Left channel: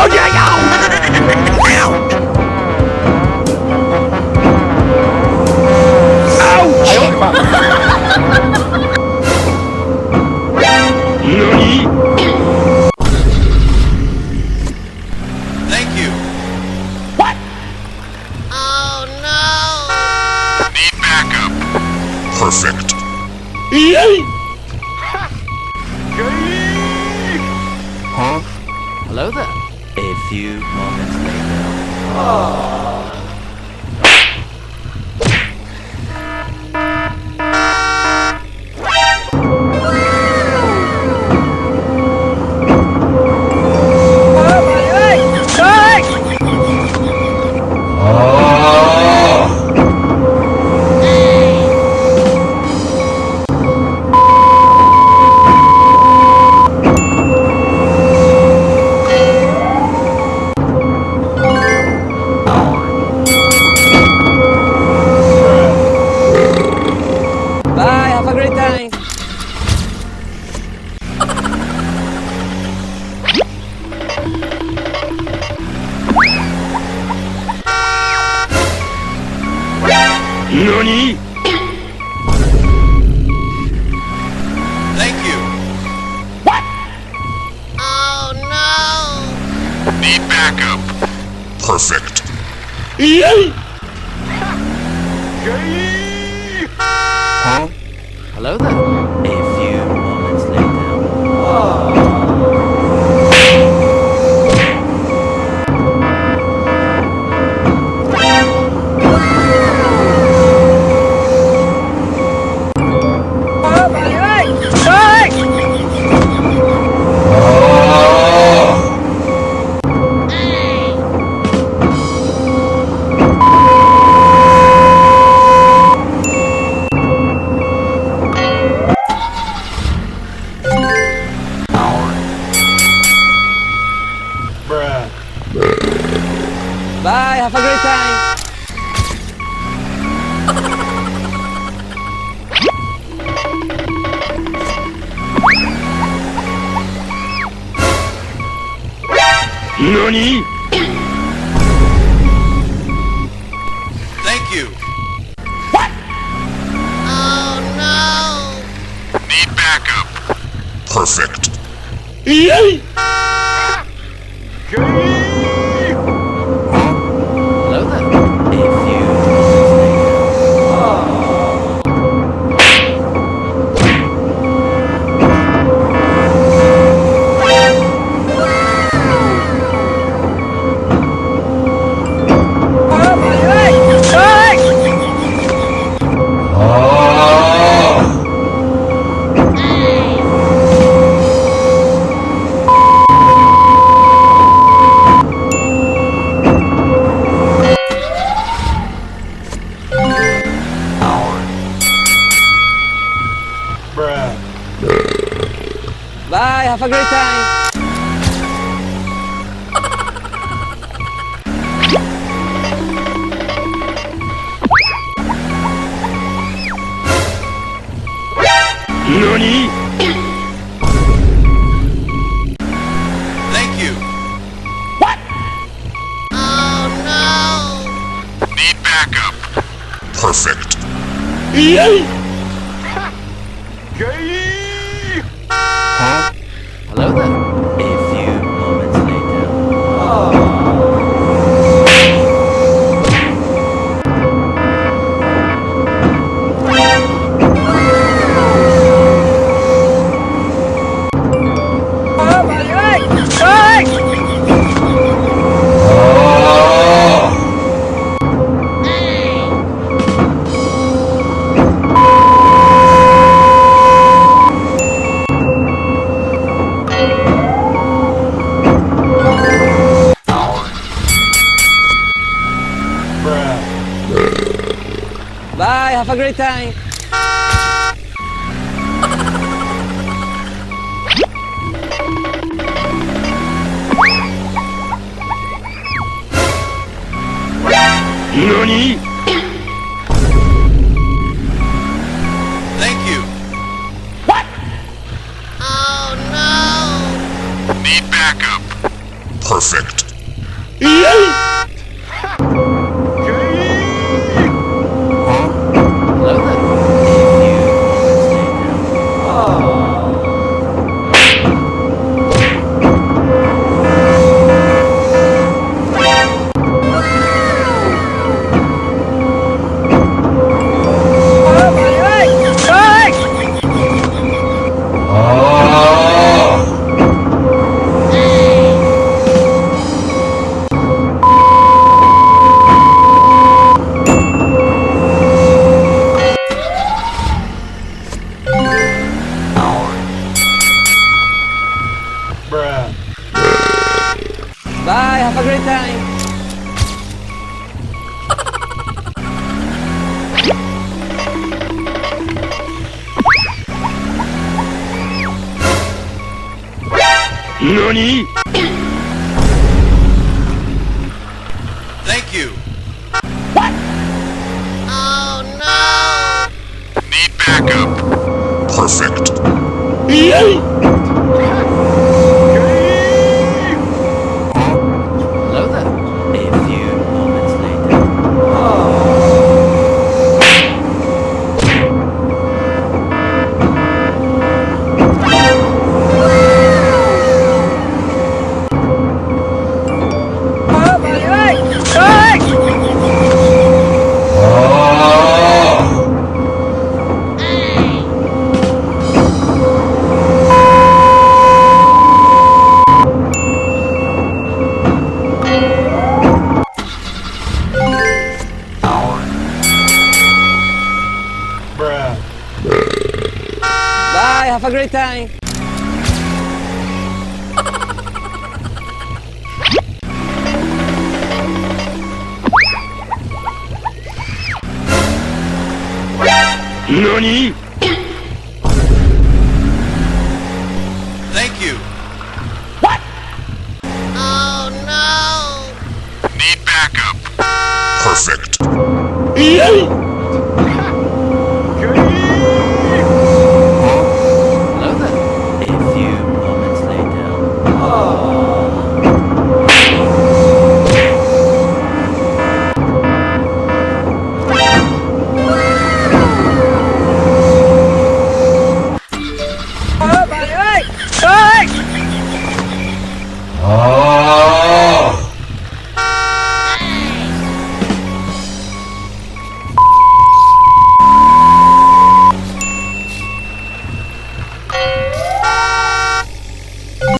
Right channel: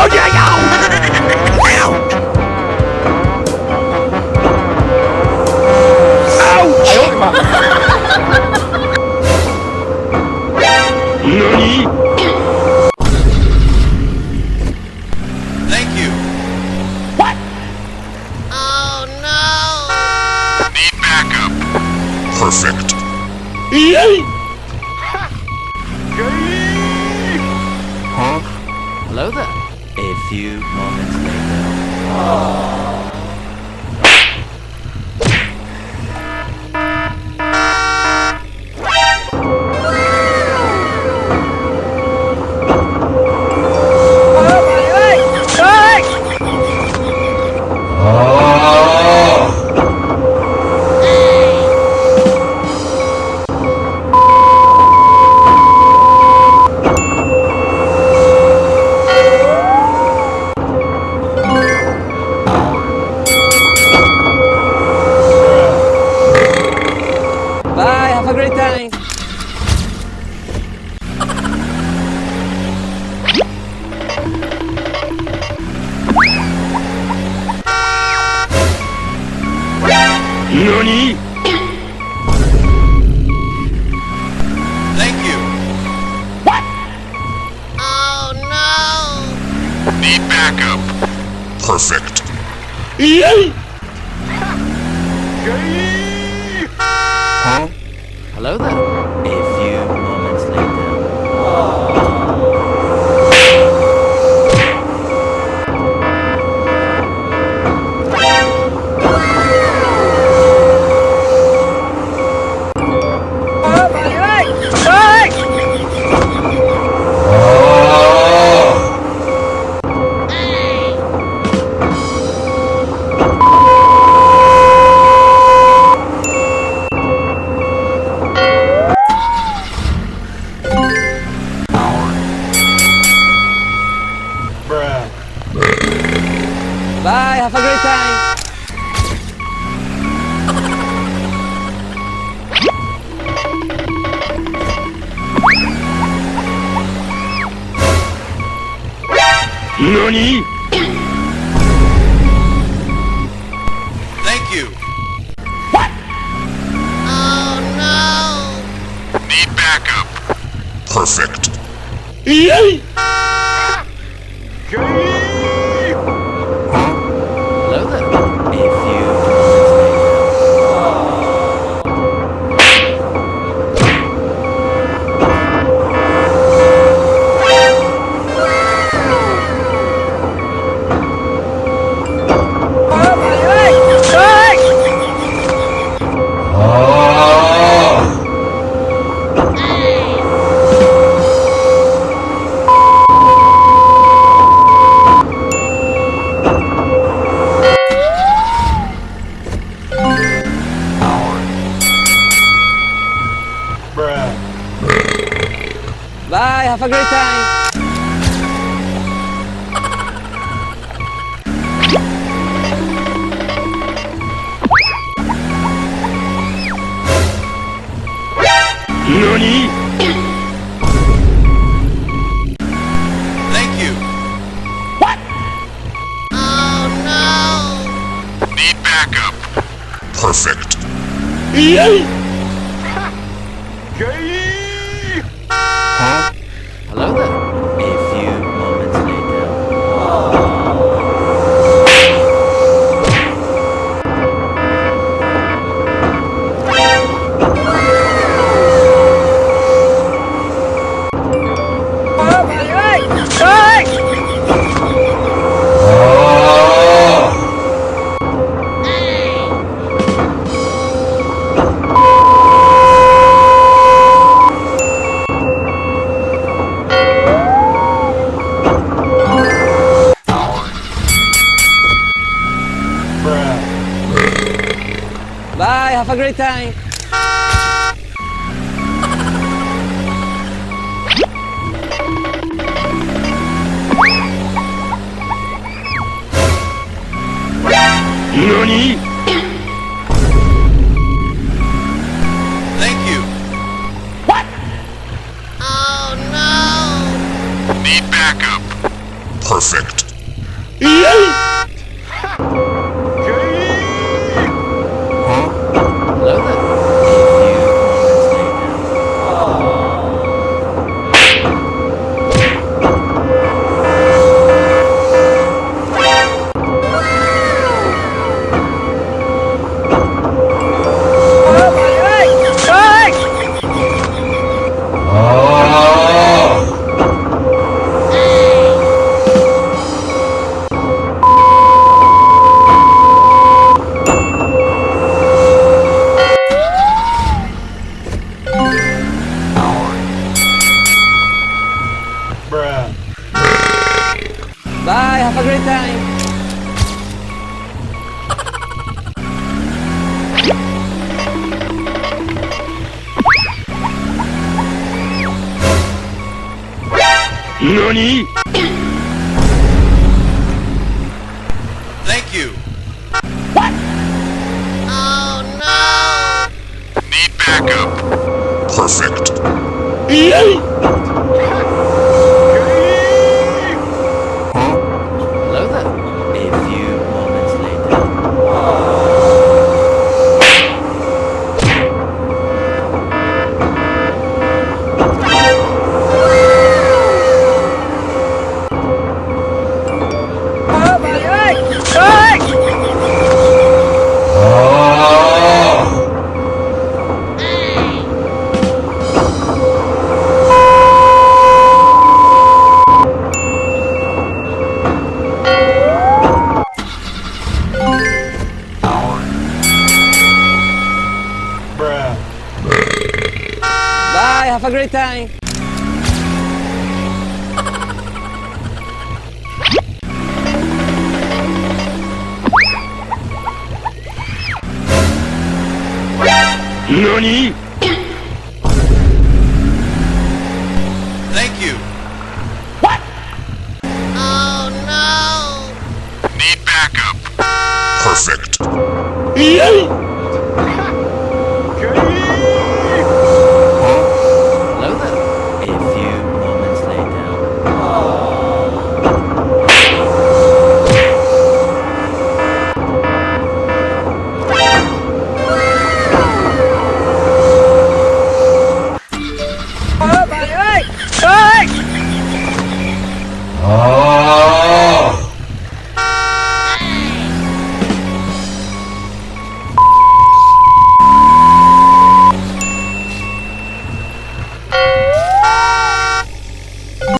哎呦我的妈！NANI? Thank you. What? Oh no! Need backup. Perfect. Yay! Huh? Hello there. A few moments later. Bạn ơi! Ơi! Bye, have a great time. NANI? Thank you. What? Oh no! Need backup. Perfect. Yay! Huh? Hello there. A few moments later. Bạn ơi! Ơi! Bye, have a great time. NANI? Thank you. What? Oh no! Need backup. Perfect. Yay! Huh? Hello there. A few moments later. Bạn ơi! Ơi! Bye, have a great time. NANI? Thank you. What? Oh no! Need backup. Perfect. Yay! Huh? Hello there. A few moments later. Bạn ơi! Ơi! Bye, have a great time. NANI? Thank you. What? Oh no! Need backup. Perfect. Hello there. A few moments later. Bà ơi! Ơi! Bye, have a great time. NANI?! Thank you. What?! Oh no! Need backup. Perfect. Hello there. A few moments later. Bà ơi! Ơi! Bye, have a great time. NANI?! Thank you. What?! Oh no! Need backup. Perfect. Hello there. A few moments later. Bà ơi! Ơi!